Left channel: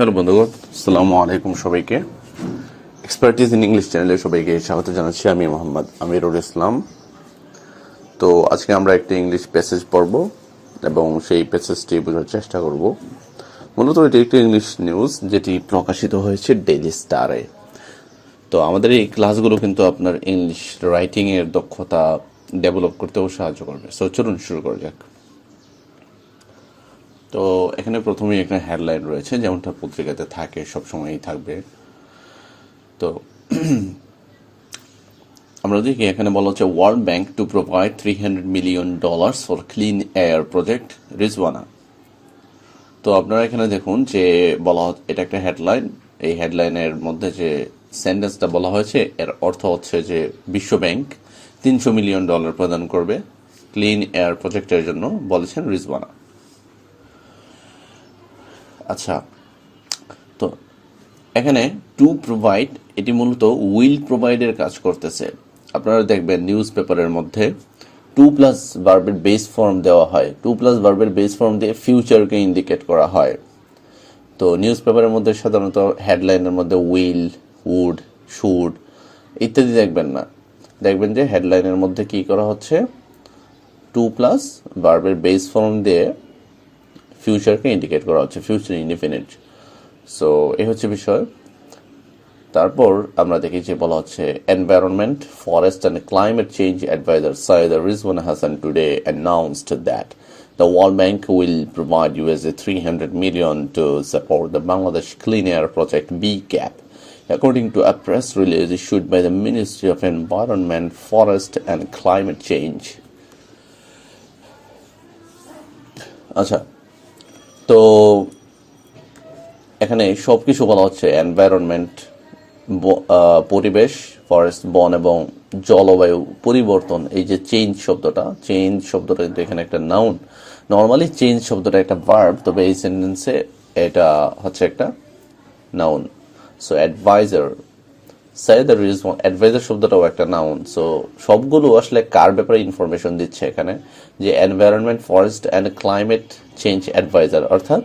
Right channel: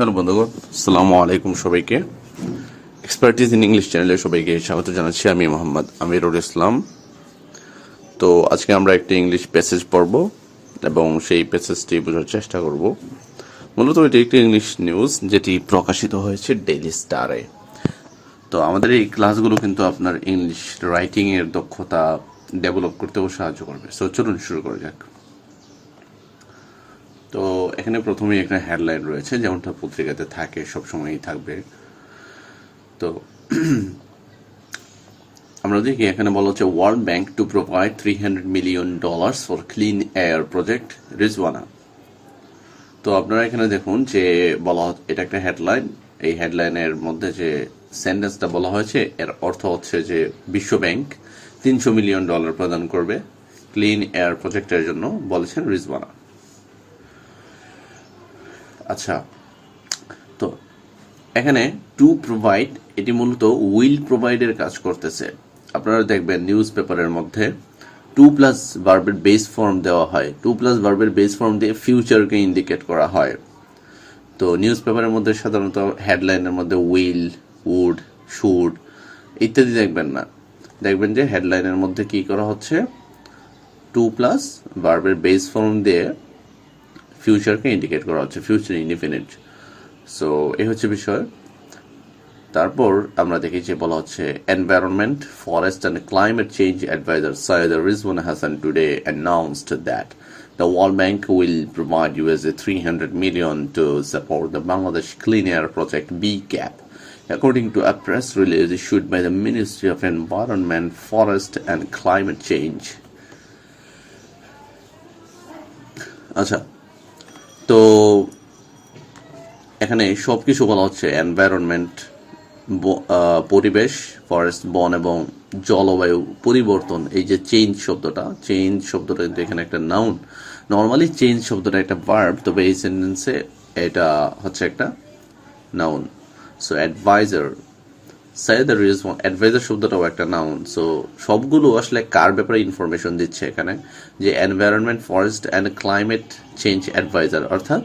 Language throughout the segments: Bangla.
হ্যালো বন্ধুগণ, আসসালামু আলাইকুম সবাইকে। এক্সপার্টিজ ইন ইংলিশ চ্যানেলে সবাইকে স্বাগত জানাচ্ছি। আমি মোহাম্মদ আমিরুল ইসলাম। তো আজকে আমরা একটি ইংলিশ প্যাসেজ পড়ব এবং সেই প্যাসেজটি বোঝার চেষ্টা করব। মূলত এটি একটি ইংলিশ নিউজ যেটি প্রকাশিত হয়েছে ডেইলি স্টারে। তো আমাদের এই ক্লাসগুলো কিন্তু আপনার ইংলিশ রাইটিংয়ের দক্ষতা ডেভেলপ করতেও সাহায্য করবে। সো চলুন শুরু করা যাক। তো এখানে প্রথমেই একটা হেডলাইন রয়েছে, যেমনটা পত্রিকাতে থাকে, সবসময়ই থাকবে। তো আমরা দেখি এখানে বলা হচ্ছে world bank to provide $300 million for clean air project Rizwana. তো আপনারা এখানে দেখুন যে বলা এটা একটা হেডলাইন। এই হেডলাইনের মধ্যে যে সেন্টেন্সটা বলা হয়েছে এর অর্থ হচ্ছে যে বিশ্ব ব্যাংক $300 মিলিয়ন প্রদান করবে ক্লিন এয়ার প্রজেক্টের জন্য, বলেছেন রিজওয়ানা। আচ্ছা, তো এখানে টু প্রোভাইড এটি মূলত উইল প্রোভাইডের কাজ করতেছে। আপনারা দেখবেন নিউজ পেপারের মধ্যে টু প্লাস ভার্বের বেস ফর্ম দেওয়া হয়। টু প্লাস ভার্বের বেস ফর্ম দিয়ে ফিউচারকে ইন্ডিকেট করা হয়। তো নিউজ পেপারের মধ্যে সাধারণত হেডলাইনের মধ্যে উইল, উড, শুড ইত্যাদি দেখবেন না। দেখবেন যে হেডলাইনের মধ্যে কি করা হচ্ছে, টু প্লাস ভার্বের বেস ফর্ম দিয়ে ফিউচারকে ইন্ডিকেট করা হচ্ছে, ফিউচার ইনডিফিনিট। সো এই হচ্ছে বিষয়। তারপর আমরা দেখি যে বলা হচ্ছে environment, forest and climate change adviser Syed Rizwana Hasan today announced that the World Bank will provide $300 million to support the Bangladesh Clean Air Project BCAP, according to a press release issued by the Ministry of Environment, Forest and Climate Change. আচ্ছা, তো এখানে সবকিছু বলা হচ্ছে এনভায়রনমেন্ট, পরিবেশ, ফরেস্ট, বন এবং জলবায়ু পরিবর্তন। এই যে চেঞ্জ শব্দটা কিন্তু এখানে একটা নাউন। নর্মালি চেঞ্জ শব্দটা একটা ভার্ব, তবে এই সেন্টেন্সে এটা হচ্ছে একটা নাউন। সো অ্যাডভাইজার, অ্যাডভাইজার শব্দটাও একটা নাউন। সো সবগুলো আসলে কার ব্যাপারে ইনফরমেশন দিচ্ছে এখানে, যে environment, forest and climate change adviser, অর্থাৎ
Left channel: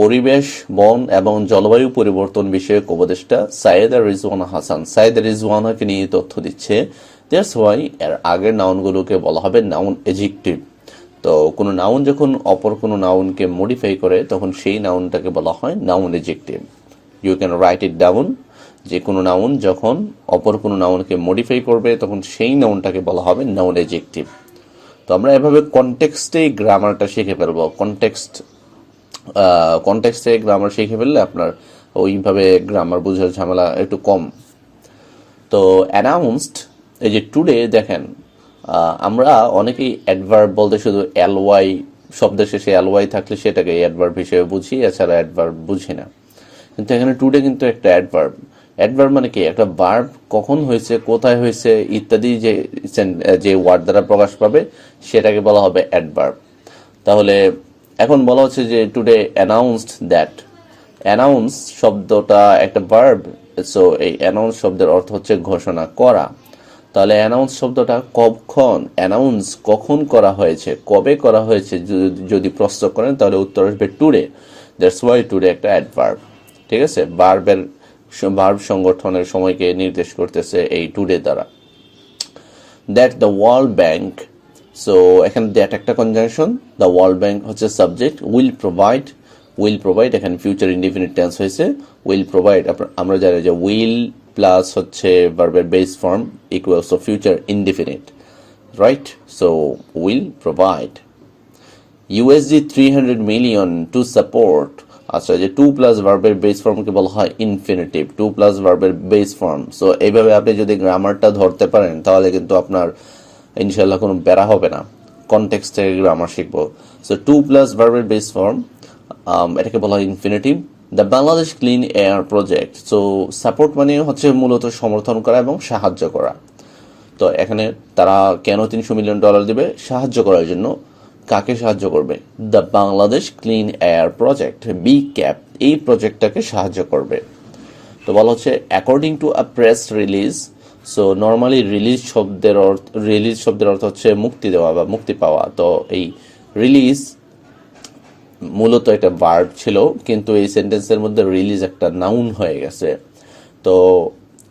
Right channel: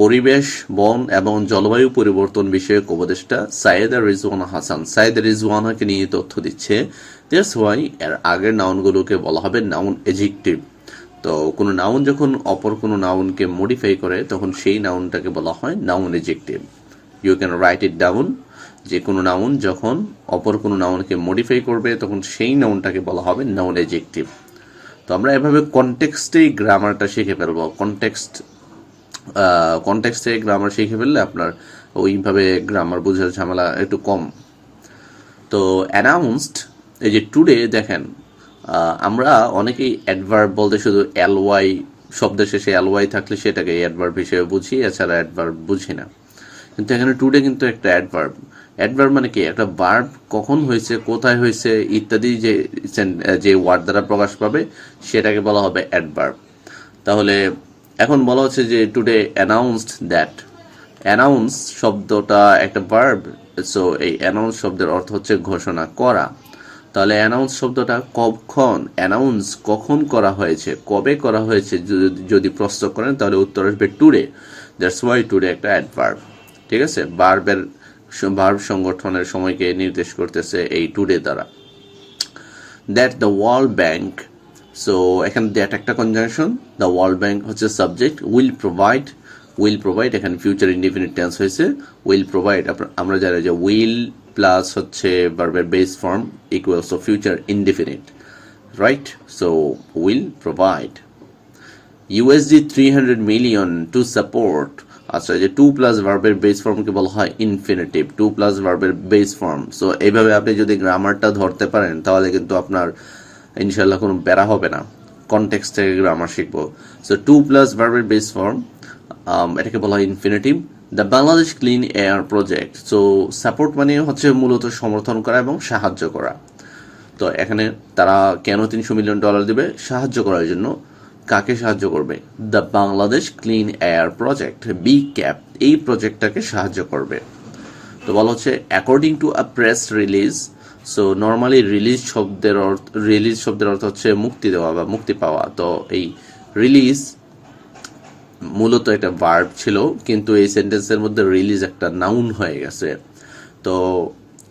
পরিবেশ, বন এবং জলবায়ু পরিবর্তন বিষয়ক উপদেষ্টা সৈয়দ রিজওয়ানা হাসান, সৈয়দ রিজওয়ানাকে নিয়ে তথ্য দিচ্ছে। দ্যাটস ওয়াই এর আগের নাউনগুলোকে বলা হবে নাউন এডজেক্টিভ। তো কোনো নাউন যখন অপর কোনো নাউনকে মডিফাই করে তখন সেই নাউনটাকে বলা হয় noun adjective. You can write it down, যে কোনো নাউন যখন অপর কোনো নাউনকে মডিফাই করবে তখন সেই নাউনটাকে বলা হবে নাউন এডজেক্টিভ। তো আমরা এভাবে কনটেক্সটেই গ্রামারটা শিখে ফেলবো। কনটেক্সটে গ্রামার শিখে ফেললে আপনার ওইভাবে গ্রামার বোঝার ঝামেলা একটু কম। তো অ্যানাউন্সড, এই যে টুডে, দেখেন আমরা অনেকেই অ্যাডভার্ব বলতে শুধু এলওয়াই শব্দের শেষে এলওয়াই থাকলে সেটাকে অ্যাডভার্ব হিসেবে বুঝি, এছাড়া অ্যাডভার্ব বুঝি না। কিন্তু এখানে টুডে কিন্তু একটা অ্যাডভার্ব। অ্যাডভার্ব মানে কি, একটা ভার্ব কখন হয়েছে, কোথায় হয়েছে ইত্যাদি যে ওয়ার্ড দ্বারা প্রকাশ পাবে সেটাকে বলা হবে অ্যাডভার্ব। তাহলে এখন বলা হচ্ছে যে টুডে অ্যানাউন্সড দ্যাট। অ্যানাউন্স শব্দটা একটা ভার্ব। সো এই অ্যানাউন্স শব্দের অর্থ হচ্ছে ঘোষণা করা। তাহলে অ্যানাউন্স শব্দটা কখন করা হয়েছে, কবে করা হয়েছে যদি প্রশ্ন করেন তাহলে উত্তর আসবে টুডে। দ্যাটস ওয়াই টুডে একটা অ্যাডভার্ব। ঠিক আছে, ভার্ব সংগঠনের সময়কে নির্দেশ করতেছে এই টুডে দ্বারা। That the World bank, so এখানে দ্যাট একটা কনজাংশন, দ্য ওয়ার্ল্ড ব্যাংক হচ্ছে সাবজেক্ট, উইল প্রোভাইড এখানে ফিউচার ইনডিফিনিট টেন্স হয়েছে। উইল প্রোভাইড, আমরা জানি যে উইল প্লাস হচ্ছে ভার্বের base form equals to future indefinite, right? So will provide $300 million to support. আচ্ছা, যে টু প্লাস ভার্বের বেস ফর্মকে বলা হয় ইনফিনিটিভ, টু প্লাস ভার্বের বেস ফর্ম। সো এইভাবে আপনি যদি গ্রামারটা ধরতে পারেন তাহলে কিন্তু আপনার ইনশাল্লাহ কোনো প্যারা হবে না। কনটেক্সট থেকে গ্রামার শিখবো। সো টু প্লাস ভার্বের বেস ফর্ম, এটাকে বলা হয় infinitive. The Bangladesh clean air project, so support মানে হচ্ছে মূলত সমর্থন করা এবং সাহায্য করা। তো এখানে তারা কেন $300 মিলিয়ন দেবে? সাহায্য করার জন্য। কাকে সাহায্য করবে? The Bangladesh clean air project, BCAP, এই প্রজেক্টটাকে সাহায্য করবে। তো বলা হচ্ছে according to a press release. So normally release শব্দের অর্থ হচ্ছে মুক্তি দেওয়া বা মুক্তি পাওয়া। তো এই রিলিজ মূলত একটা ভার্ব ছিল, কিন্তু এই সেন্টেন্সের মধ্যে রিলিজ একটা নাউন হয়ে গেছে। তো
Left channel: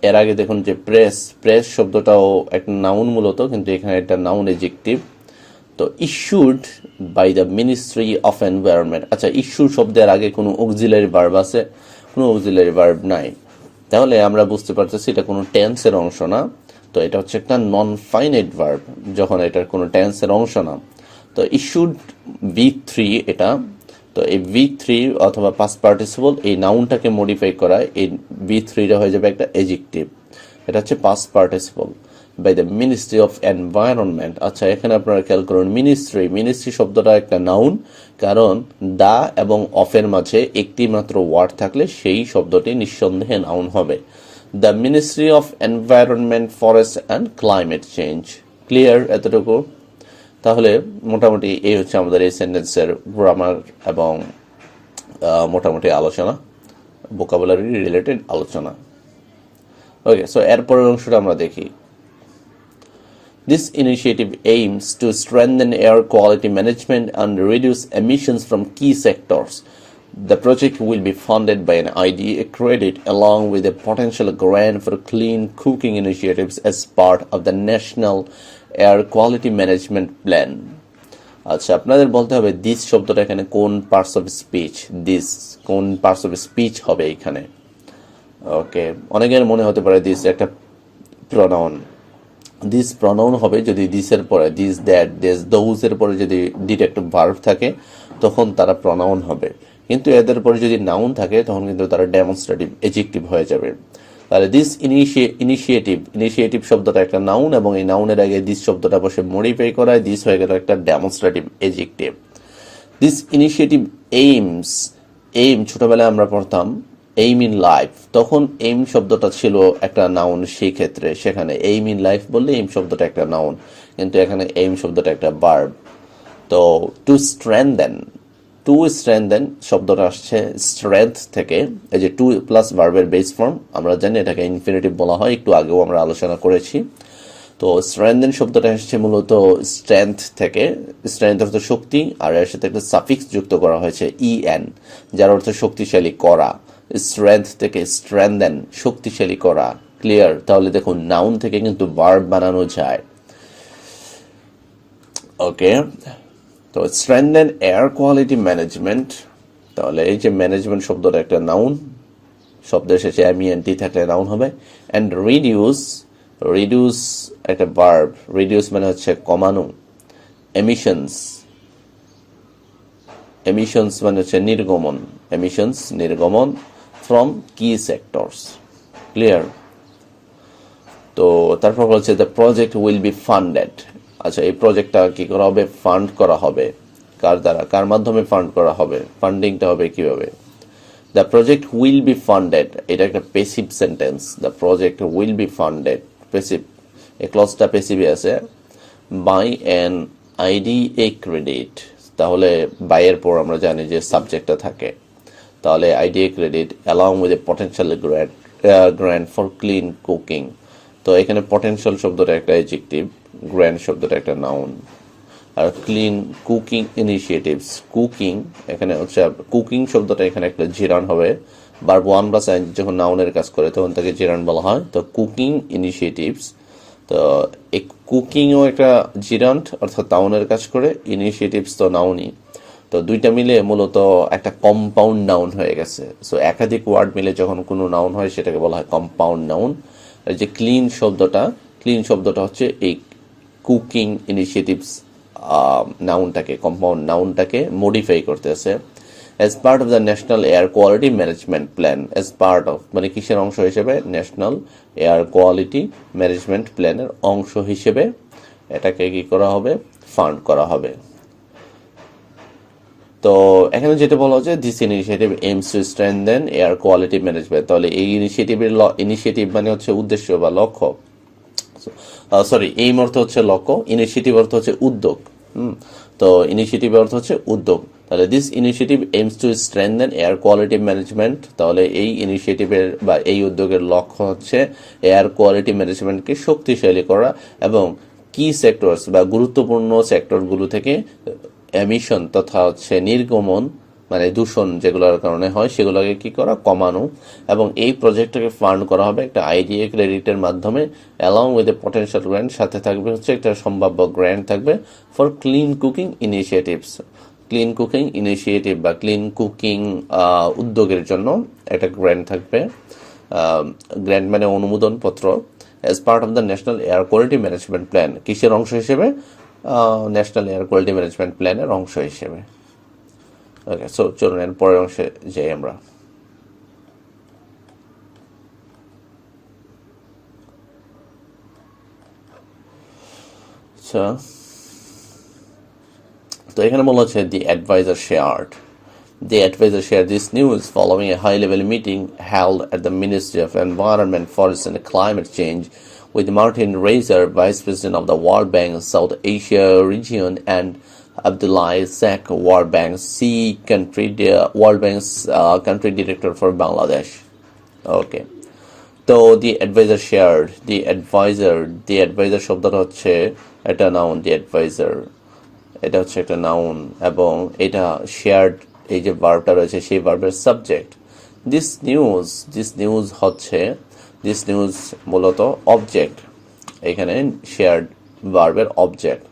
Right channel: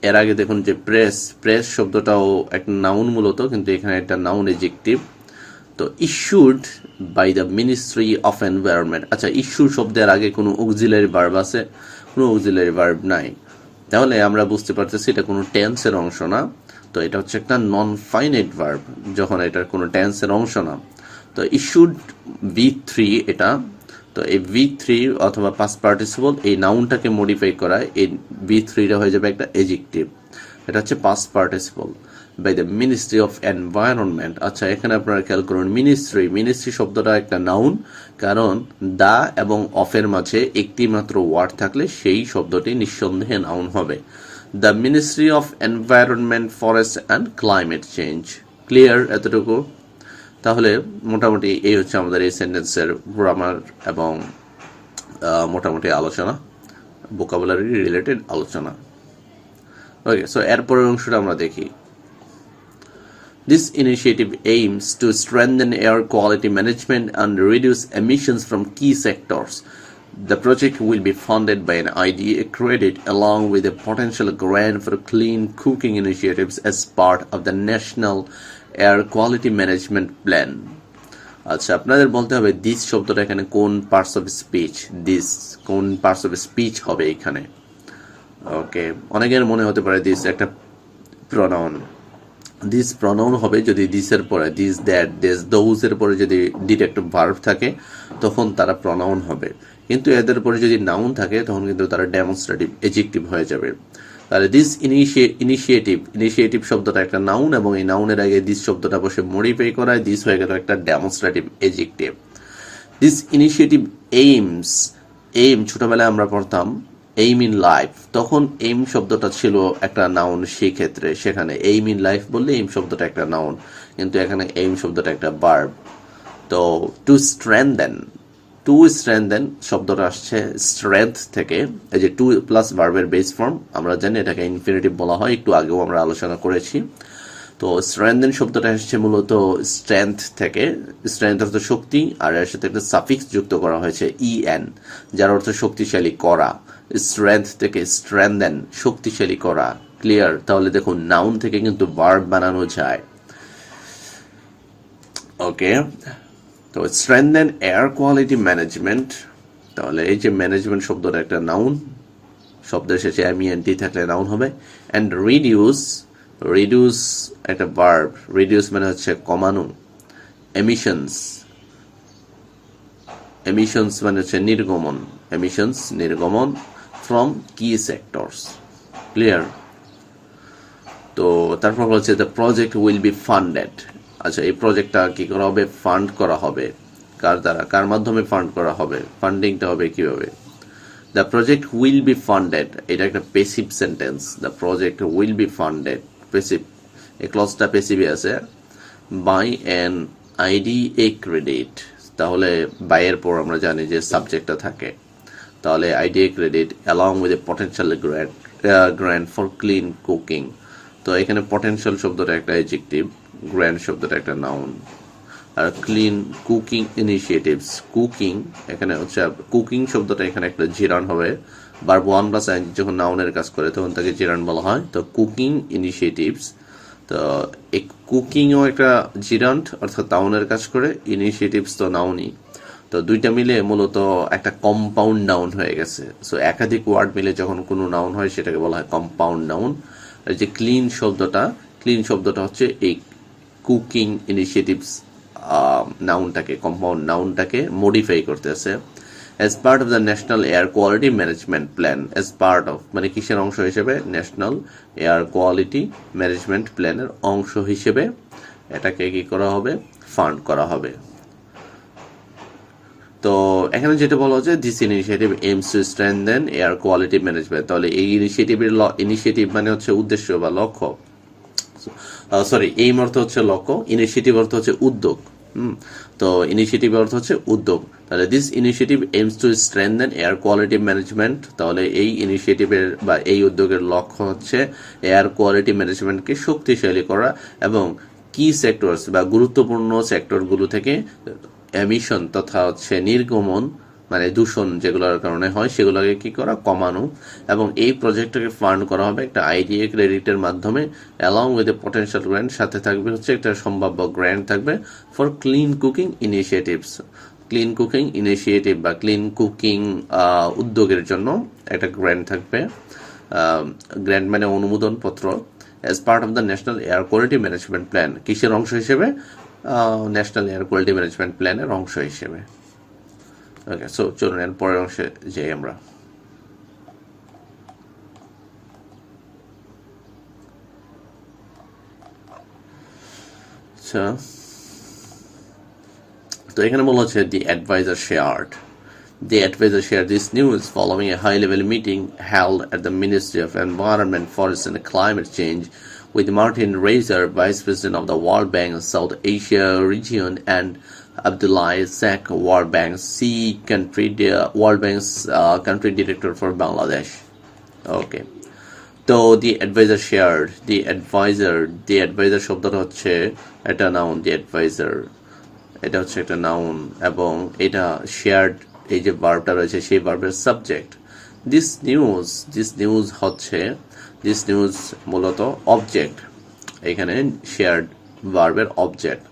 এর আগে দেখুন যে প্রেস, প্রেস শব্দটাও একটা নাউন মূলত, কিন্তু এখানে একটা নাউন এডজেক্টিভ। তো issued by the ministry of environment. আচ্ছা, ইস্যু শব্দের আগে কোনো অক্সিলারি ভার্ব আছে? কোনো অক্সিলারি ভার্ব নাই। তাহলে আমরা বুঝতে পারতেছি এটা কোনো টেন্সের অংশ না। তো এটা হচ্ছে একটা নন ফাইনাইট ভার্ব, যখন এটার কোনো টেন্সের অংশ না। তো ইস্যুড V3 এটা। তো এই V3 অথবা পাস্ট পার্টিসিপল এই নাউনটাকে মডিফাই করায় এই V3টা হয়ে যাবে একটা এডজেক্টিভ। এটা হচ্ছে past participle by the ministry of environment. আচ্ছা, এখানে আপনারা খেয়াল করুন, মিনিস্ট্রি, মিনিস্ট্রি শব্দটা একটা নাউন, কারণ দা এবং অফের মাঝে একটি মাত্র ওয়ার্ড থাকলে সেই শব্দটি নিঃসন্দেহে নাউন হবে। The ministry of environment, forest and climate change. Clear এতটুকু? তাহলে মোটামুটি এই হচ্ছে আমাদের এই সেন্টেন্সের গ্রামার এবং মোটামুটি আলোচনা, ভোকাবুলারি রিলেটেড আলোচনা। ওকে, সো এরপরের অংশটা আমরা দেখি। This initiative aims to strengthen air quality management and reduce emissions from key sectors. The project will be funded by an IDA credit along with a potential grant for clean cooking initiatives as part of the National Air Quality Management Plan. আচ্ছা, আপনাদের বলতে হবে দিস শব্দটা এখানে কোন পার্টস অফ স্পিচ, দিস কোন পার্টস অফ স্পিচ হবে এখানে। ওকে, অনেকের মনে হতে পারে দিস একটা প্রনাউন। দিস প্রনাউন হবে যদি দিসের পরে, দিস, দ্যাট, দিস, দোজ এর পরে যদি ডিরেক্টিভ ভার্ব থাকে তখন তারা প্রনাউন হবে, কিন্তু এদের পরে যদি নাউন থাকে তখন কিন্তু তারা ডেমনস্ট্রেটিভ এডজেক্টিভ হয়ে যাবে। তাহলে দিস ইনিশিয়েটিভ, ইনিশিয়েটিভ শব্দটা একটা নাউন এবং এই নাউনের আগে দিস শব্দটা বসে মডিফাই করায় দিস হয়ে গেল একটা demonstrative adjective. This initiative aims, aim ছোটবেলায় আমরা পড়তাম এইম ইন লাইফ, তখন এইম শব্দটা ছিল একটা নাউন, সেই ক্ষেত্রে সেখানে এইম ইন লাইফ বললে এইম শব্দটা একটা নাউন, কিন্তু এখানে এইম শব্দটা একটা ভার্ব। তো টু স্ট্রেংথেন, টু স্ট্রেংথেন শব্দটা আসছে স্ট্রেংথ থেকে, এই যে টু প্লাস ভার্বের বেস ফর্ম, আমরা জানি এটাকে ইনফিনিটিভ বলা হয়, একটু আগেও আমরা আলোচনা করেছি। তো স্ট্রেংথেন শব্দটা আসছে মূলত স্ট্রেংথ থেকে, স্ট্রেংথ অর্থ শক্তি, আর এর সাথে একটা সাফিক্স যুক্ত করা হয়েছে EN, যার অর্থ শক্তিশালী করা। স্ট্রেংথ থেকে স্ট্রেংথেন, শক্তিশালী করা। ক্লিয়ার? তাহলে দেখুন নাউন থেকে কিন্তু ভার্ব বানানো যায়। ওকে, তো স্ট্রেংথেন এয়ার কোয়ালিটি ম্যানেজমেন্ট, তাহলে এই যে ম্যানেজমেন্ট শব্দটা একটা নাউন, শব্দের শেষে MENT থাকলে নাউন হবে। অ্যান্ড রিডিউস, রিডিউস একটা ভার্ব, রিডিউস মানে হচ্ছে কমানো। এমিশনস, এমিশনস মানে হচ্ছে নির্গমন, এমিশনস নির্গমন ফ্রম কি সেক্টরস। ক্লিয়ার? তো তারপর হচ্ছে the project will be funded. আচ্ছা, এই প্রজেক্টটা কি করা হবে? ফান্ড করা হবে। কার দ্বারা, কার মাধ্যমে ফান্ড করা হবে? ফান্ডিংটা হবে কিভাবে? The project will be funded, এটা একটা passive sentence. The project will be funded, passive, এই ক্লজটা পেসিভে আছে। বাই অ্যান IDA ক্রেডিট, তাহলে বাইয়ের পর আমরা জানি যে সাবজেক্টটা থাকে, তাহলে IDA credit along with a potential grant for clean cooking। তো এখানে পটেনশিয়াল শব্দটা একটা অ্যাডজেক্টিভ, গ্র্যান্ড শব্দটা একটা নাউন, আর ক্লিন কুকিং ইনিশিয়েটিভস, কুকিং এখানে হচ্ছে কুকিং শব্দটা এখানে একটা জিরান হবে, ভার্ব 1 প্লাস আইএনজি যখন নাউনের কাজ করে তখন তাকে জিরান বলা হয়। তো কুকিং ইনিশিয়েটিভস, তো এই কুকিংও একটা জিরান্ট অর্থাৎ নাউনের কাজ করে, ইনিশিয়েটিভস তো নাউনই, তো দুইটা মিলে মূলত একটা কম্পাউন্ড নাউন হয়ে গেছে। সো একাধিক ওয়ার্ড মিলে যখন কোনো নাউন হয় সেটাকে বলা হয় কম্পাউন্ড নাউন। আর যে ক্লিন শব্দটা, ক্লিন শব্দটা হচ্ছে এই কুকিং ইনিশিয়েটিভস নাউনটাকে, কম্পাউন্ড নাউনটাকে মডিফাই করতেছে। As part of the national air quality management plan, as part of মানে কিসের অংশ হিসেবে? ন্যাশনাল এয়ার কোয়ালিটি ম্যানেজমেন্ট প্ল্যানের অংশ হিসেবে এটাকে কি করা হবে? ফান্ড করা হবে। তো এখানে যেটা বলা হচ্ছে this initiative aims to strengthen air quality management, তাহলে এই ইনিশিয়েটিভের ইনিশিয়েটিভ মানে হচ্ছে উদ্দেশ্য বা লক্ষ্য, সরি এইম অর্থ হচ্ছে লক্ষ্য, ইনিশিয়েটিভ অর্থ হচ্ছে উদ্যোগ। তো ইনিশিয়েটিভ অর্থ হচ্ছে উদ্যোগ, তাহলে this initiative aims to strengthen air quality management, তাহলে এই ইনিশিয়েটিভের বা এই উদ্যোগের লক্ষ্য হচ্ছে এয়ার কোয়ালিটি ম্যানেজমেন্টকে শক্তিশালী করা এবং কি সেক্টরস বা গুরুত্বপূর্ণ সেক্টরগুলো থেকে এমিশন তথা হচ্ছে নির্গমন মানে দূষণ যেগুলোর কারণে হয় সেগুলোকে কি করা, কমানো। এবং এই প্রজেক্টটাকে ফান্ড করা হবে একটা আইডিএ ক্রেডিটের মাধ্যমে along with a potential grant, সাথে থাকবে হচ্ছে একটা সম্ভাব্য গ্র্যান্ট থাকবে for clean cooking initiatives. Clean cooking initiative বা ক্লিন কুকিং উদ্যোগের জন্য একটা গ্র্যান্ট থাকবে। গ্র্যান্ট মানে অনুমোদন পত্র, as part of the national air quality management plan. কিসের অংশ হিসেবে? ন্যাশনাল এয়ার কোয়ালিটি ম্যানেজমেন্ট প্ল্যানের অংশ হিসেবে। ওকে, সো চলুন এর পরের অংশে যাই আমরা। আচ্ছা, তো এখানে বলা হচ্ছে the advisor shared this news following a high-level meeting held at the Ministry of Environment, Forest and Climate Change with Martin Reiser, Vice President of the World Bank South Asia region, and Abdullah Sak, World Bank's country director for Bangladesh. Okay. তো দি অ্যাডভাইজার শেয়ার্ড, দি অ্যাডভাইজার শব্দটা হচ্ছে একটা নাউন। দি অ্যাডভাইজার এটা হচ্ছে একটা নাউন, এবং এটা শেয়ার্ড এই যে ভার্বটা রয়েছে সেই ভার্বের সাবজেক্ট। দিস নিউজ মূলত অবজেক্ট, এখানে শেয়ার্ড ভার্বের অবজেক্ট।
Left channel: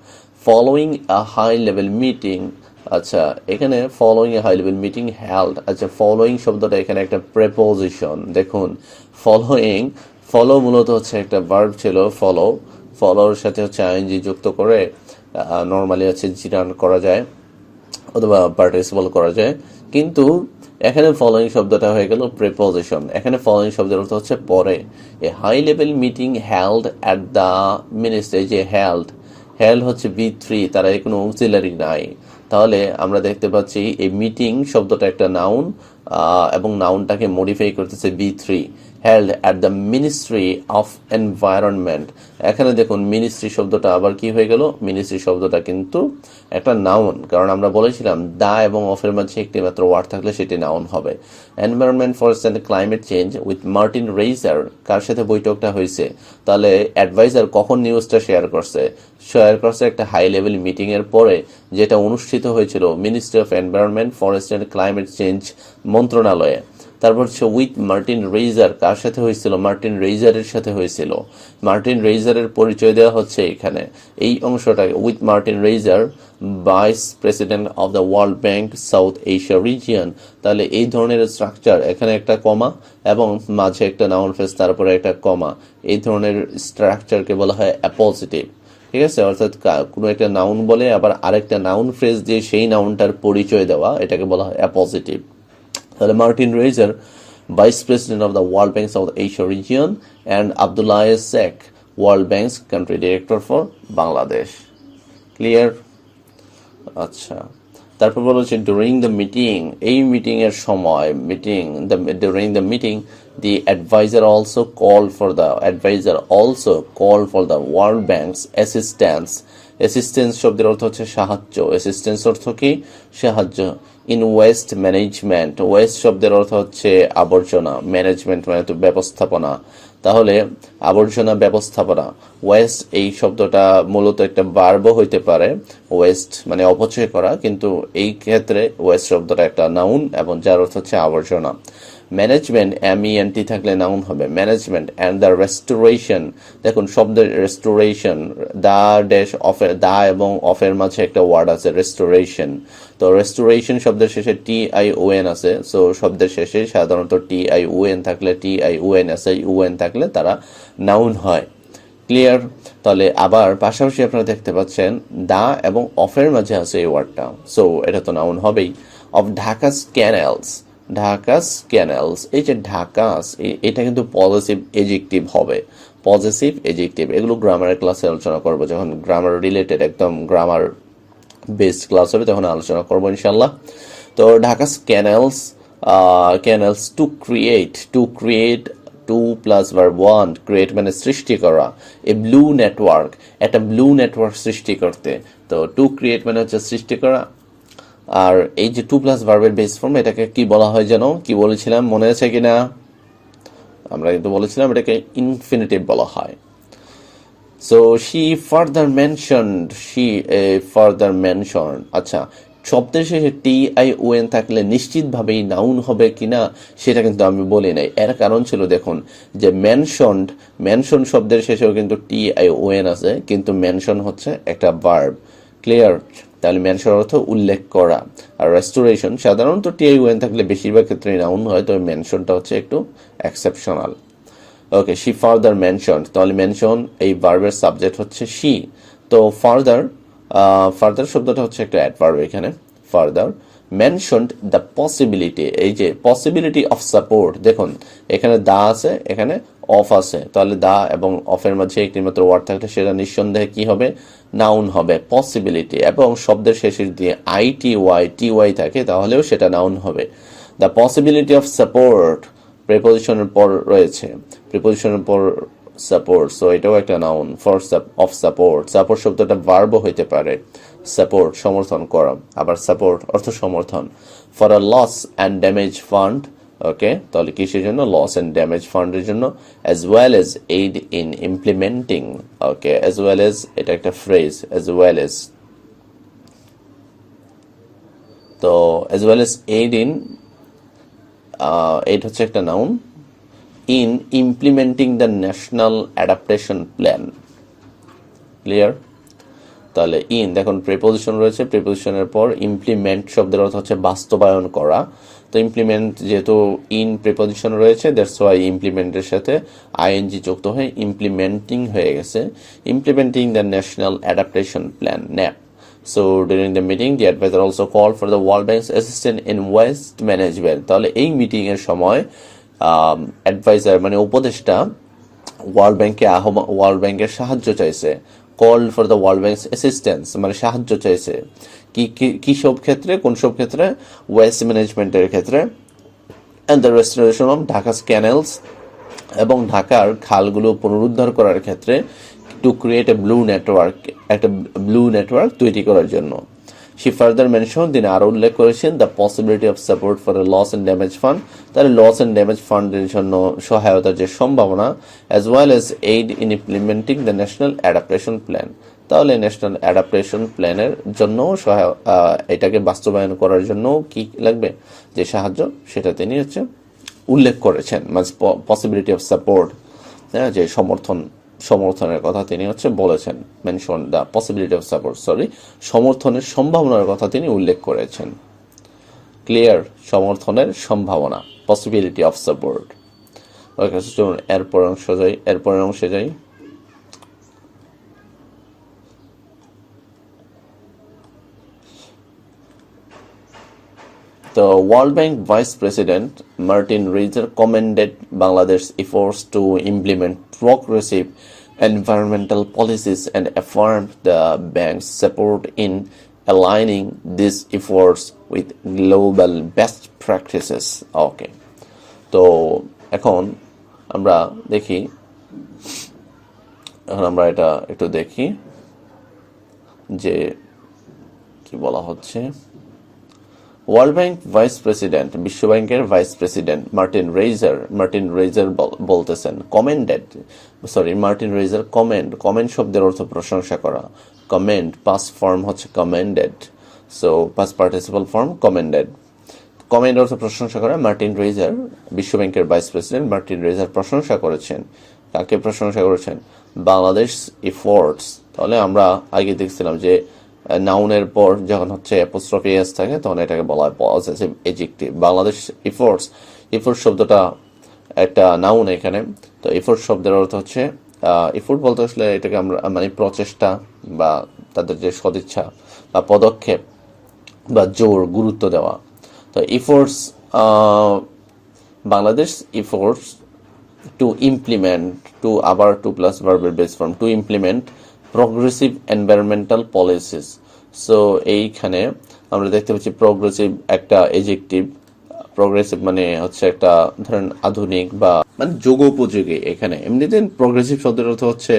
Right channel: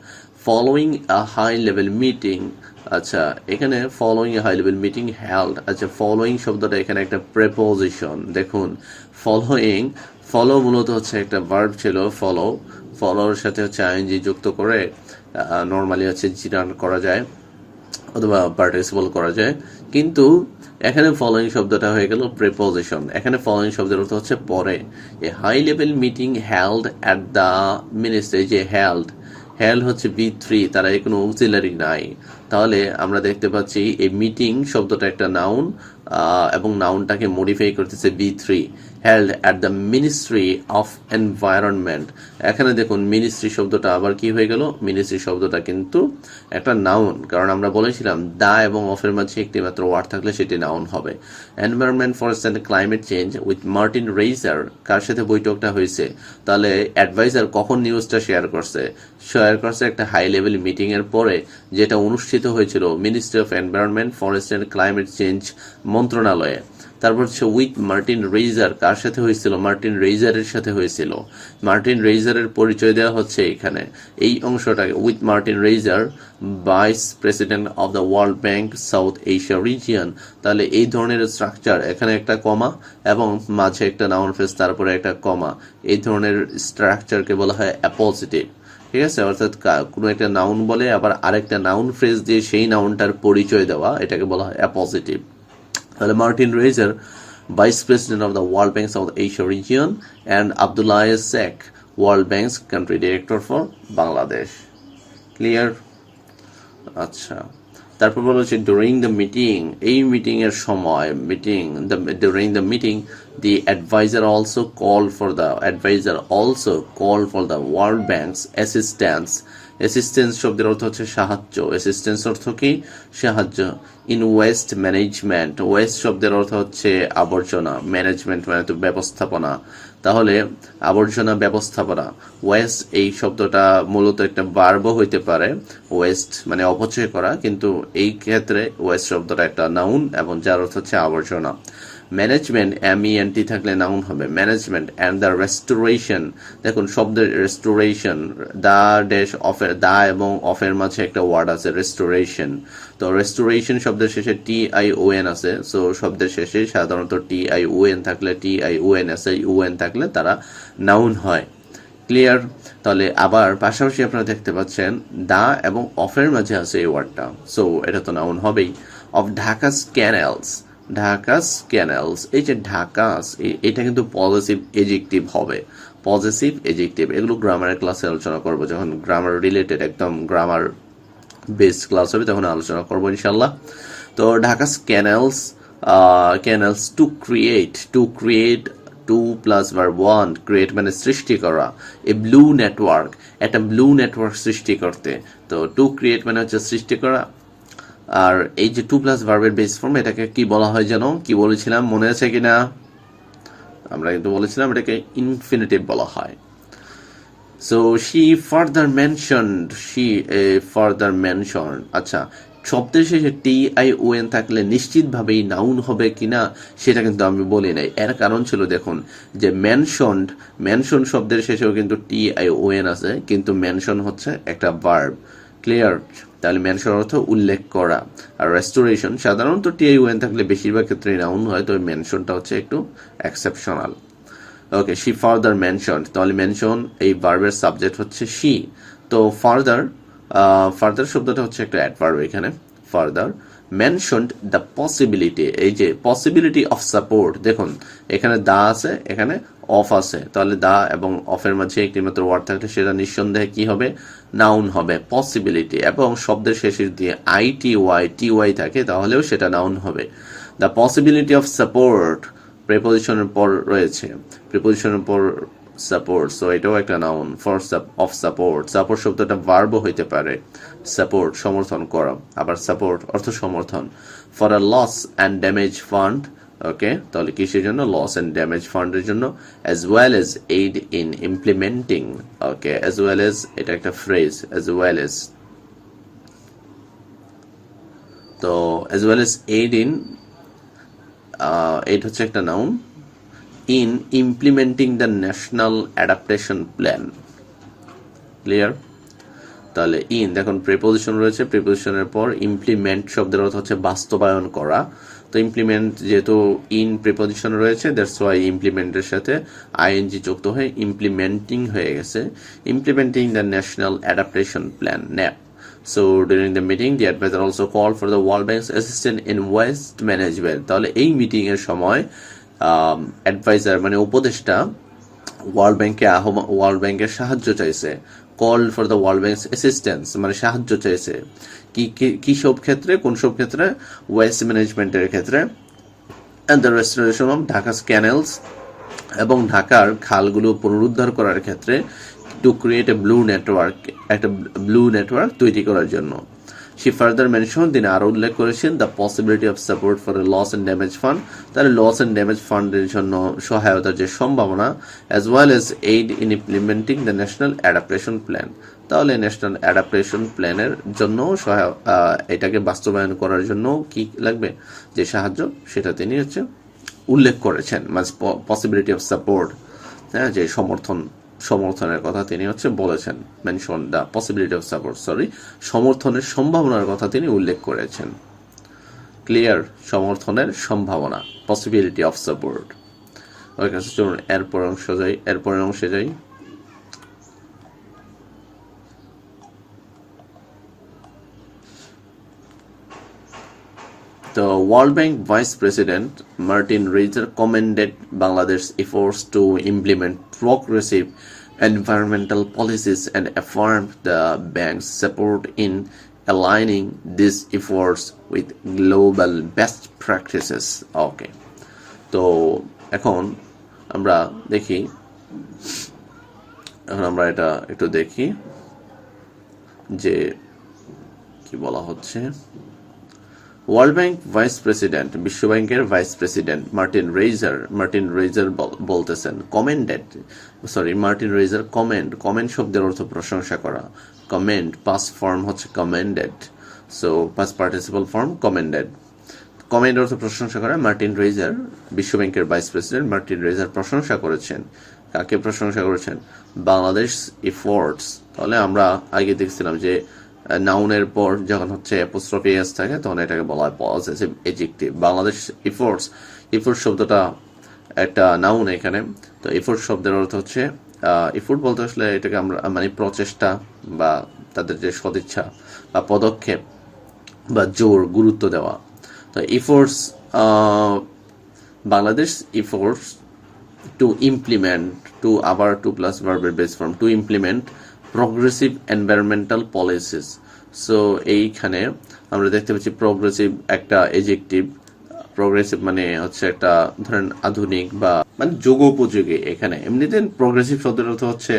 ফলোয়িং আ হাই লেভেল মিটিং, আচ্ছা এখানে following a high level meeting held, আচ্ছা ফলোয়িং শব্দটা এখানে একটা প্রেপোজিশন। দেখুন ফলো মূলত হচ্ছে একটা ভার্ব ছিল, ফলোর সাথে হচ্ছে আইএনজি যুক্ত করে নর্মালি হচ্ছে জিরান করা যায় অথবা পার্টিসিপল করা যায়, কিন্তু এখানে ফলোয়িং শব্দটা হয়ে গেল প্রেপোজিশন। এখানে ফলোয়িং শব্দের অর্থ হচ্ছে পরে। A high level meeting held at the ministry, যে হেল্ড হচ্ছে B3, তারা কোনো অক্সিলারি নাই। তাহলে আমরা দেখতে পাচ্ছি এই মিটিং শব্দটা একটা নাউন, এবং নাউনটাকে মডিফাই করতেছে B3, held at the ministry of environment. এখানে দেখুন মিনিস্ট্রি শব্দটা আবার কি হয়ে গেল, মিনিস্ট্রি শব্দটা কিন্তু একটা নাউন, কারণ আমরা বলেছিলাম দা এবং অফের মাঝে একটি মাত্র ওয়ার্ড থাকলে সেটি নাউন হবে। Environment, forest and climate change with Martin Raiser, কার সাথে বৈঠকটা হয়েছে? তাহলে অ্যাডভাইজার কখন নিউজটা শেয়ার করছে একটা হাই লেভেল মিটিং এর পরে, যেটা অনুষ্ঠিত হয়েছিল ministry of environment, forest and climate change মন্ত্রণালয়ে। তারপর হচ্ছে উইথ মার্টিন রেইজার, কার সাথে হয়েছিল? মার্টিন রেইজারের সাথে হয়েছিল। মার্টিন রেইজারের পরিচয় দেওয়া হচ্ছে এখানে এই অংশটাকে, with Martin Raiser, vice president of the World Bank South Asia region. তাহলে এই ধরনের স্ট্রাকচার, এখানে একটা কমা এবং মাঝে একটা নাউন ফ্রেজ, তারপরে একটা কমা, এই ধরনের স্ট্রাকচারকে বলা হয় অ্যাপোজিটিভ। ঠিক আছে, অর্থাৎ কোনো একটা নাউন বলে আবার আরেকটা নাউন ফ্রেজ দিয়ে সেই নাউনটার পরিচয় দেওয়া, এটাকে বলা হয় অ্যাপোজিটিভ। তাহলে Martin Raiser, vice president of the World Bank South Asia region, and Abdullah Sheikh, World Bank's country director for Bangladesh. Clear? আচ্ছা, তারপর বলা হচ্ছে ডুরিং দ্য মিটিং, এই মিটিং এর সময়, during the meeting the advisor also called for the World Bank's assistance শব্দের অর্থ হচ্ছে সাহায্য। অ্যাসিস্ট্যান্স অর্থ কি? সাহায্য। ইন ওয়েস্ট ম্যানেজমেন্ট, ওয়েস্ট শব্দের অর্থ হচ্ছে আবর্জনা, ম্যানেজমেন্ট মানে তো ব্যবস্থাপনা। তাহলে আবর্জনা ব্যবস্থাপনা, ওয়েস্ট এই শব্দটা মূলত একটা ভার্বও হইতে পারে, ওয়েস্ট মানে অপচয় করা, কিন্তু এই ক্ষেত্রে ওয়েস্ট শব্দটা একটা নাউন এবং যার অর্থ হচ্ছে আবর্জনা। ম্যানেজমেন্ট, MENT থাকলে নাউন হবে ম্যানেজমেন্ট, অ্যান্ড দ্য রেস্টোরেশন, দেখুন শব্দের রেস্টোরেশন, দা এবং অফের মাঝে একটা ওয়ার্ড আছে রেস্টোরেশন। তো রেস্টোরেশন শব্দের শেষে TION আছে, সো শব্দের শেষে সাধারণত TION থাকলে, TION SION থাকলে তারা নাউন হয়। ক্লিয়ার? তাহলে আবার পাশাপাশি আপনারা দেখতে পাচ্ছেন দা এবং অফের মাঝে আছে এই ওয়ার্ডটা, সো এটা তো নাউন হবেই। অফ ঢাকাস ক্যানেলস, এই যে ঢাকাস, এটা কিন্তু পজিটিভ এজেক্টিভ হবে, পজিটিভ এজেক্টিভ। এগুলো গ্রামারের ক্লাসে আলোচনা করবো, যখন গ্রামার রিলেটেড একদম গ্রামার বেসড ক্লাস হবে তখন আলোচনা করবো ইনশাল্লাহ। তো Dhaka's canals to create 2 plus verb 1, create মানে সৃষ্টি করা, এ ব্লু নেটওয়ার্ক, একটা ব্লু নেটওয়ার্ক সৃষ্টি করতে। তো টু ক্রিয়েট মানে হচ্ছে সৃষ্টি করা, আর এই যে 2 প্লাস ভার্বের বেস ফর্ম, এটাকে কি বলা হয় যেন, কি বলেছিলাম মনে আছে কিনা? আমরা কিন্তু বলেছিলাম এটাকে ইনফিনিটিভ বলা হয়। সো she further mentioned, আচ্ছা শব্দের শেষে TION থাকলে নিশ্চিতভাবেই নাউন হবে কিনা সেটা কিন্তু আমি বলি নাই। এর কারণ ছিল দেখুন যে মেনশন শব্দের শেষেও কিন্তু TION আছে, কিন্তু মেনশন হচ্ছে একটা ভার্ব। ক্লিয়ার? তাহলে মেনশন অর্থ উল্লেখ করা। আর রেস্টোরেশন সাধারণত TION থাকলে বেশিরভাগ ক্ষেত্রে নাউন হয়, তবে মেনশনটা হচ্ছে একটু exceptional. Okay, she further mention, তাহলে মেনশন এই ভার্বের সাবজেক্ট হচ্ছে শি। তো ফার্দার শব্দটা হচ্ছে একটা অ্যাডভার্ব এখানে। ফার্দার মেনশনড দ্য পসিবিলিটি, এই যে পসিবিলিটি অফ সাপোর্ট, দেখুন এখানে দা আছে, এখানে অফ আছে, তাহলে দা এবং অফের মাঝে একটি মাত্র ওয়ার্ড থাকলে সেটা নিঃসন্দেহে কি হবে? নাউন হবে। পসিবিলিটি এবং শব্দের শেষে দিয়ে টি ওয়াই থাকে তাহলেও সেটা নাউন হবে। দ্য পসিবিলিটি অফ সাপোর্ট প্রিপোজিশনের পর রয়েছে, প্রিপোজিশনের পর সাপোর্ট, সো এটাও একটা noun. For of support, support শব্দটা ভার্বও হইতে পারে। সাপোর্ট সমর্থন করা, আবার সাপোর্ট অর্থ সমর্থন। For a loss and damage fund, okay, তাহলে কিসের জন্য? লস অ্যান্ড ড্যামেজ ফান্ডের জন্য। As well as aid in implementing, okay, as well as এটা একটা ফ্রেজ, অ্যাজ ওয়েল এজ, তো as well as aid in, aid হচ্ছে একটা noun. In implementing the national adaptation plan. Clear? তাহলে ইন, দেখুন প্রিপোজিশন রয়েছে, প্রিপোজিশনের পর ইমপ্লিমেন্ট শব্দের অর্থ হচ্ছে বাস্তবায়ন করা। তো ইমপ্লিমেন্ট যেহেতু ইন প্রিপোজিশন রয়েছে, দ্যাটস ওয়াই ইমপ্লিমেন্টের সাথে আইএনজি যুক্ত হয়ে ইমপ্লিমেন্টিং হয়ে গেছে। Implementing the national adaptation plan, nap. So during the meeting, the advisor also called for the World Bank's assistance in waste management. তাহলে এই মিটিং এর সময় অ্যাডভাইজার মানে উপদেষ্টা ওয়ার্ল্ড ব্যাংকের সাহায্য চাইছে। Call for the world banks assistance মানে সাহায্য চাইছে। কি সব ক্ষেত্রে? কোন সব ক্ষেত্রে? ওয়েস্ট ম্যানেজমেন্টের ক্ষেত্রে and the restoration of Dhaka's canals, এবং ঢাকার খালগুলো পুনরুদ্ধার করার ক্ষেত্রে। To create a blue network, একটা ব্লু নেটওয়ার্ক তৈরি করার জন্য। শি ফার্দার মেনশন, তিনি আরও উল্লেখ করেছেন the possibility of support for a loss and damage fund, তাহলে লস অ্যান্ড ড্যামেজ ফান্ডের জন্য সহায়তার যে সম্ভাবনা। As well as aid in implementing the national adaptation plan, তাহলে ন্যাশনাল অ্যাডাপ্টেশন প্ল্যানের জন্য এটাকে বাস্তবায়ন করার জন্য কি লাগবে যে সাহায্য, সেটা তিনি হচ্ছে উল্লেখ করেছেন। মানে পসিবিলিটি অফ সাপোর্ট, হ্যাঁ, যে সমর্থনের কথা তিনি হচ্ছে বলেছেন। Mention the possibility of support, সমর্থনের সম্ভাবনার কথা তিনি উল্লেখ করেছেন। ক্লিয়ার? সমর্থনের সম্ভাবনা, পসিবিলিটি অফ সাপোর্ট। ওকে, চলুন এরপরের অংশে যাই। The World Bank Vice President Martin Reiser commended Bangladesh's efforts to implement progressive environmental policies and affirmed the bank's support in aligning these efforts with global best practices. Okay, তো এখন আমরা এটা একটু দেখি যে কি বলা হচ্ছে। ওয়ার্ল্ড ব্যাংক ভাইস প্রেসিডেন্ট, বিশ্ব ব্যাংকের ভাইস প্রেসিডেন্ট মার্টিন রেইজার বলতেছেন মার্টিন রেইজার কমেন্ট শব্দের অর্থ প্রশংসা করা। কমেন্ট পাস্ট ফর্ম হচ্ছে কমেন্ডেড, so past participle form কমেন্ডেড। Comment অর্থ প্রশংসা করা। মার্টিন রেইজার, বিশ্ব ব্যাংকের ভাইস প্রেসিডেন্ট মার্টিন রেইজার প্রশংসা করেছেন। কাকে প্রশংসা করেছেন? বাংলাদেশ এফোর্টস। তাহলে আমরা আগে দেখছিলাম যে নাউনের পর যখন হচ্ছে অ্যাপোস্ট্রফি এস থাকে তখন এটাকে বলা হয় পজিটিভ এডজেক্টিভ। বাংলাদেশ এফোর্টস শব্দটা একটা নাউন এখানে। তো এফোর্ট শব্দের অর্থ হচ্ছে এফোর্ট বলতে আসলে এটাকে আমরা মানে প্রচেষ্টা বা তাদের যে সদিচ্ছা বা পদক্ষেপ বা জোর, গুরুত্ব দেওয়া। তো efforts, Bangladesh efforts to implement, আবার টু প্লাস ভার্বের base form, to implement progressive environmental policies. So এইখানে আমরা দেখতে পাচ্ছি প্রগ্রেসিভ একটা এডজেক্টিভ। প্রগ্রেসিভ মানে হচ্ছে একটা ধরেন আধুনিক বা মানে যুগোপযোগী। এখানে এমনিতে প্রগ্রেসিভ শব্দের অর্থ হচ্ছে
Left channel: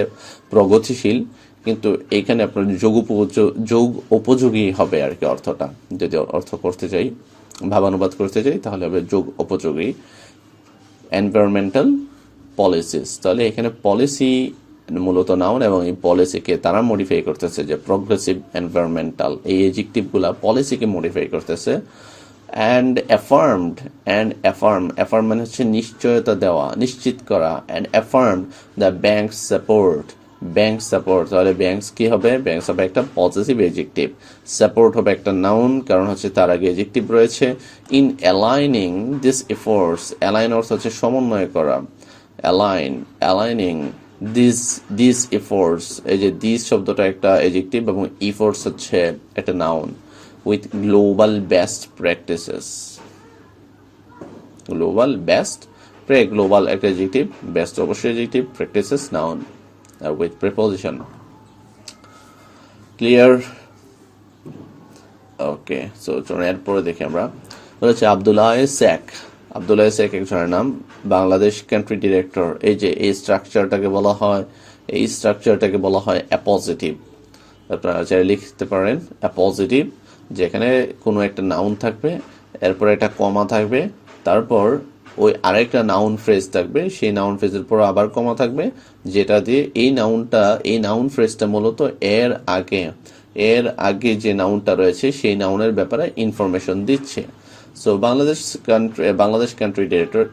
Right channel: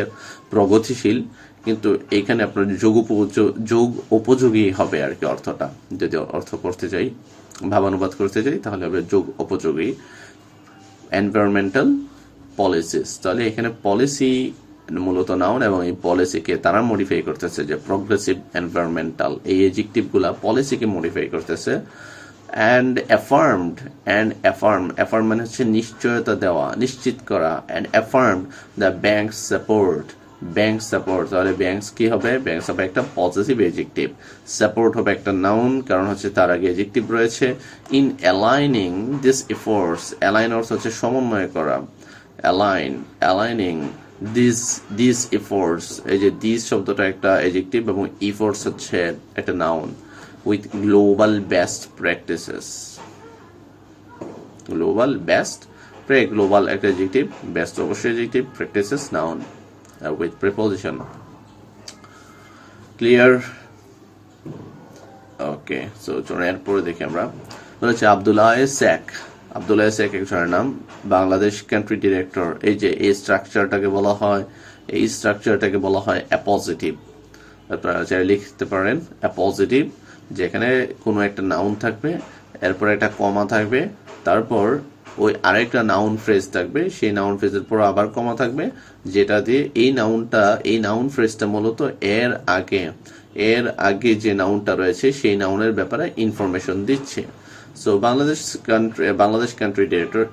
প্রগতিশীল, কিন্তু এইখানে আপনার যোগ উপযোগী হবে আর কি অর্থটা। যদি অর্থ করতে চাই, ভাবানুবাদ করতে চাই, তাহলে হবে যোগ উপযোগী। এনভায়রনমেন্টাল পলিসিস, তাহলে এখানে পলিসি মূলত নাউন, এবং এই পলিসিকে তারা মডিফাই করতেছে, যে প্রগ্রেসিভ এনভায়রনমেন্টাল, এই এডজেক্টিভগুলা পলিসিকে মডিফাই করতেছে। অ্যান্ড অ্যাফার্ম মানে হচ্ছে নিশ্চয়তা দেওয়া, নিশ্চিত করা। And affirm the bank support, তাহলে ব্যাংকস কি হবে? ব্যাংকস হবে একটা পজিটিভ এডজেক্টিভ, সাপোর্ট হবে একটা নাউন, কারণ হচ্ছে তার আগে এডজেক্টিভ রয়েছে। In aligning this efforts, align অর্থ হচ্ছে সমন্বয় করা, অ্যালাইনিং দিস এফোর্টস, এই যে দিস শব্দটা একটা এডজেক্টিভ এবং এফোর্টস হচ্ছে একটা noun, with global best practices. Global একটা adjective, best অবশ্যই adjective, practices noun with preposition. Clear? Okay, so চলুন এরপরে দেখি আমরা। বলেছে আব্দুল্লাহ শেখ একজনের নাম, বাংলাদেশ কান্ট্রি ডিরেক্টর। এই যে এই স্ট্রাকচারটাকে বলা হয় অ্যাপোজিটিভ। আপনারা চাইলে লিখতে পারেন অ্যাপোজিটিভ, যেখানে কোনো একটা নাউন থাকবে, এরপর একটা কমা থাকবে, তারপর ওই আরেকটা নাউন ফ্রেজ থাকবে, সেই নাউন ফ্রেজের পর আবার কমা থাকবে, যেটা দিয়ে এই নাউন ফ্রেজটা মূলত এর আগে যে নাউনটা রয়েছে সেই নাউনের ব্যাপারে ইনফরমেশন দিচ্ছে। So Bangladesh country director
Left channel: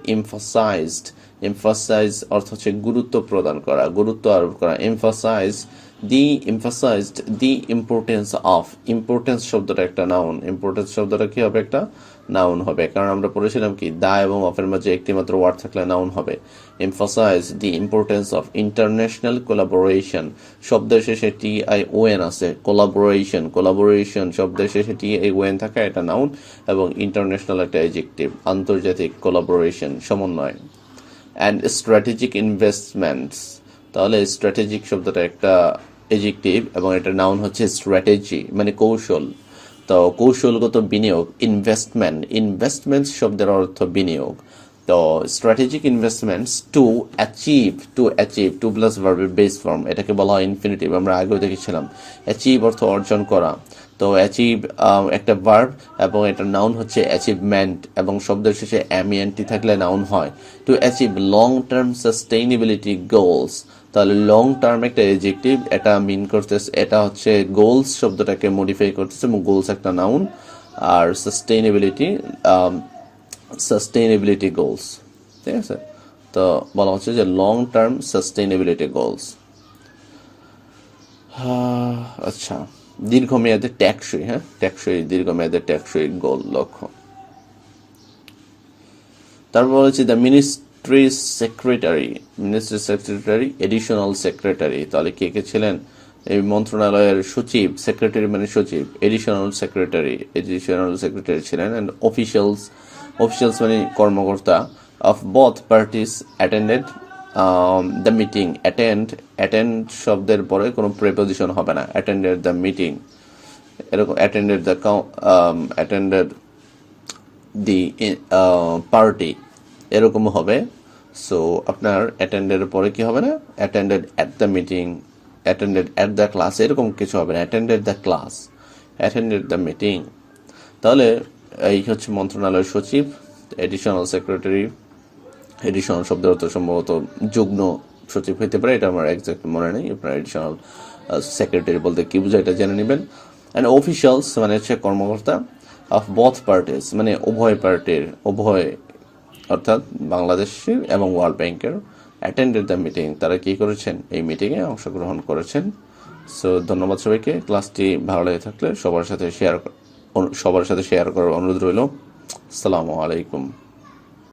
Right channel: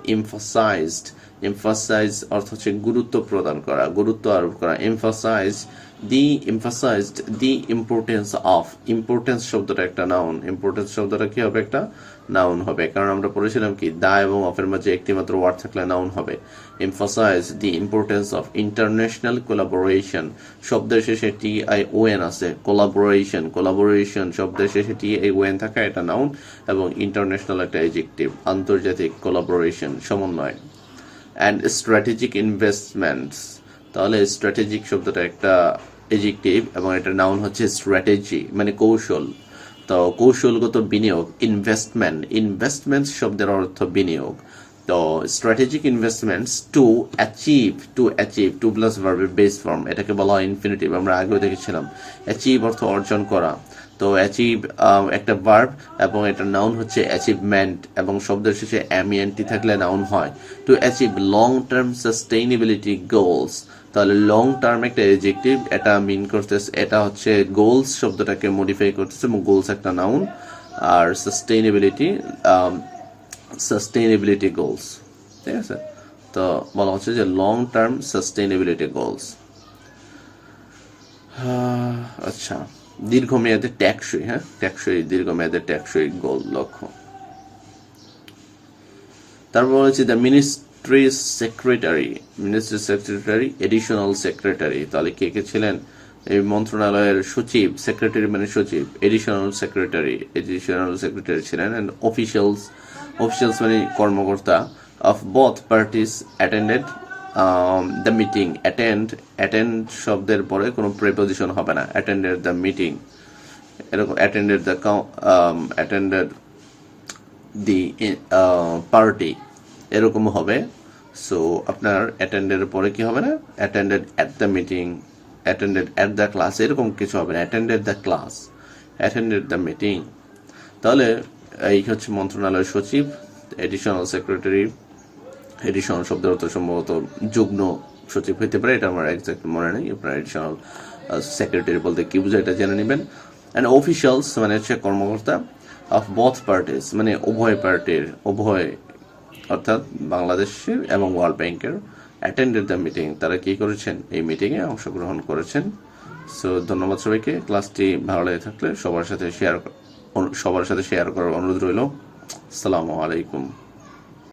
emphasise অর্থ হচ্ছে গুরুত্ব প্রদান করা, গুরুত্ব আরোপ করা। emphasized the importance শব্দটা একটা নাউন, ইম্পর্টেন্স শব্দটা কি হবে? একটা নাউন হবে, কারণ আমরা পড়েছিলাম কি দা এবং অফের মাঝে একটি মাত্র ওয়ার্ড থাকলে নাউন হবে। emphasize the importance of international collaboration, শব্দের শেষে TION আছে, collaboration শব্দের শেষে TION থাকা এটা নাউন, এবং ইন্টারন্যাশনাল একটা অ্যাডজেক্টিভ, আন্তর্জাতিক কোলাবোরেশন, সমন্বয়। and strategic investments, তাহলে স্ট্র্যাটেজিক শব্দটা একটা এডজেক্টিভ এবং এটা নাউন হচ্ছে স্ট্র্যাটেজি মানে কৌশল। তো কৌশলগত বিনিয়োগ, ইনভেস্টমেন্ট শব্দের অর্থ বিনিয়োগ। তো strategic investments to achieve to plus ভার্বের বেস ফর্ম, এটাকে বলা হয় ইনফিনিটিভ, আমরা আগেও দেখেছিলাম। অ্যাচিভ অর্থ অর্জন করা, তো অ্যাচিভ একটা ভার্ব এবং এটার নাউন হচ্ছে অ্যাচিভমেন্ট, এবং শব্দের শেষে এমইএনটি থাকলে নাউন হয়। To achieve long term sustainability goals, তাহলে লং টার্ম একটা এডজেক্টিভ, এটা মিন করতেছে, এটা হচ্ছে গোলস শব্দটাকে মডিফাই করতেছে, এবং গোলস একটা নাউন, আর সাস্টেইনেবিলিটি গোলস, ঠিক আছে। তো বলা হচ্ছে যে লং টার্ম সাস্টেইনেবিলিটি গোলস। আচ্ছা, দীর্ঘমেয়াদে দীর্ঘমেয়াদে টেকসই গোল লক্ষ্য। তারপর হচ্ছে the ministry secretary additional secretary, তাহলে কে ছিলেন? এই মন্ত্রণালয়ের সচিব, সেক্রেটারি মানে সচিব, এডিশনাল সেক্রেটারি ছিলেন। অ্যান্ড অফিসিয়ালস মানে কর্মকর্তা of both parties attended the meeting. Attend শব্দের পরে কোনো প্রিপোজিশন হবে না, অ্যাটেন্ডেড দ্য মিটিং, এরকম অ্যাটেন্ডেড দি পার্টি এরকম হবে। সো আপনার অ্যাটেন্ডের পরে কি হবে না, attended at the meeting, attended at the class, এরকম কিছু হবে না, attended the class, attended the meeting. তাহলে এই হচ্ছে মন্ত্রণালয়ের সচিব, এডিশনাল সেক্রেটারি, এডিশনাল শব্দের অর্থ সম্ভবত যুগ্ম সচিব হইতে পারে, এটা আমার এক্সাক্ট মনে নেই। আপনার এডিশনাল সেক্রেটারি বলতে কি বোঝায় এটা জেনে নেবেন। অ্যান্ড অফিসিয়ালস মানে হচ্ছে কর্মকর্তা, অফ বোথ পার্টিস মানে উভয় পার্টির, অর্থাৎ বাংলাদেশের এবং ওয়ার্ল্ড ব্যাংকের। অ্যাটেন্ডেড দ্য মিটিং, তারা কি করেছেন? এই মিটিংয়ে অংশগ্রহণ করেছেন। সো ধন্যবাদ সবাইকে। ক্লাসটি ভালো লেগে থাকলে সবার সাথে শেয়ার করার অনুরোধ রইল। আসসালামু আলাইকুম।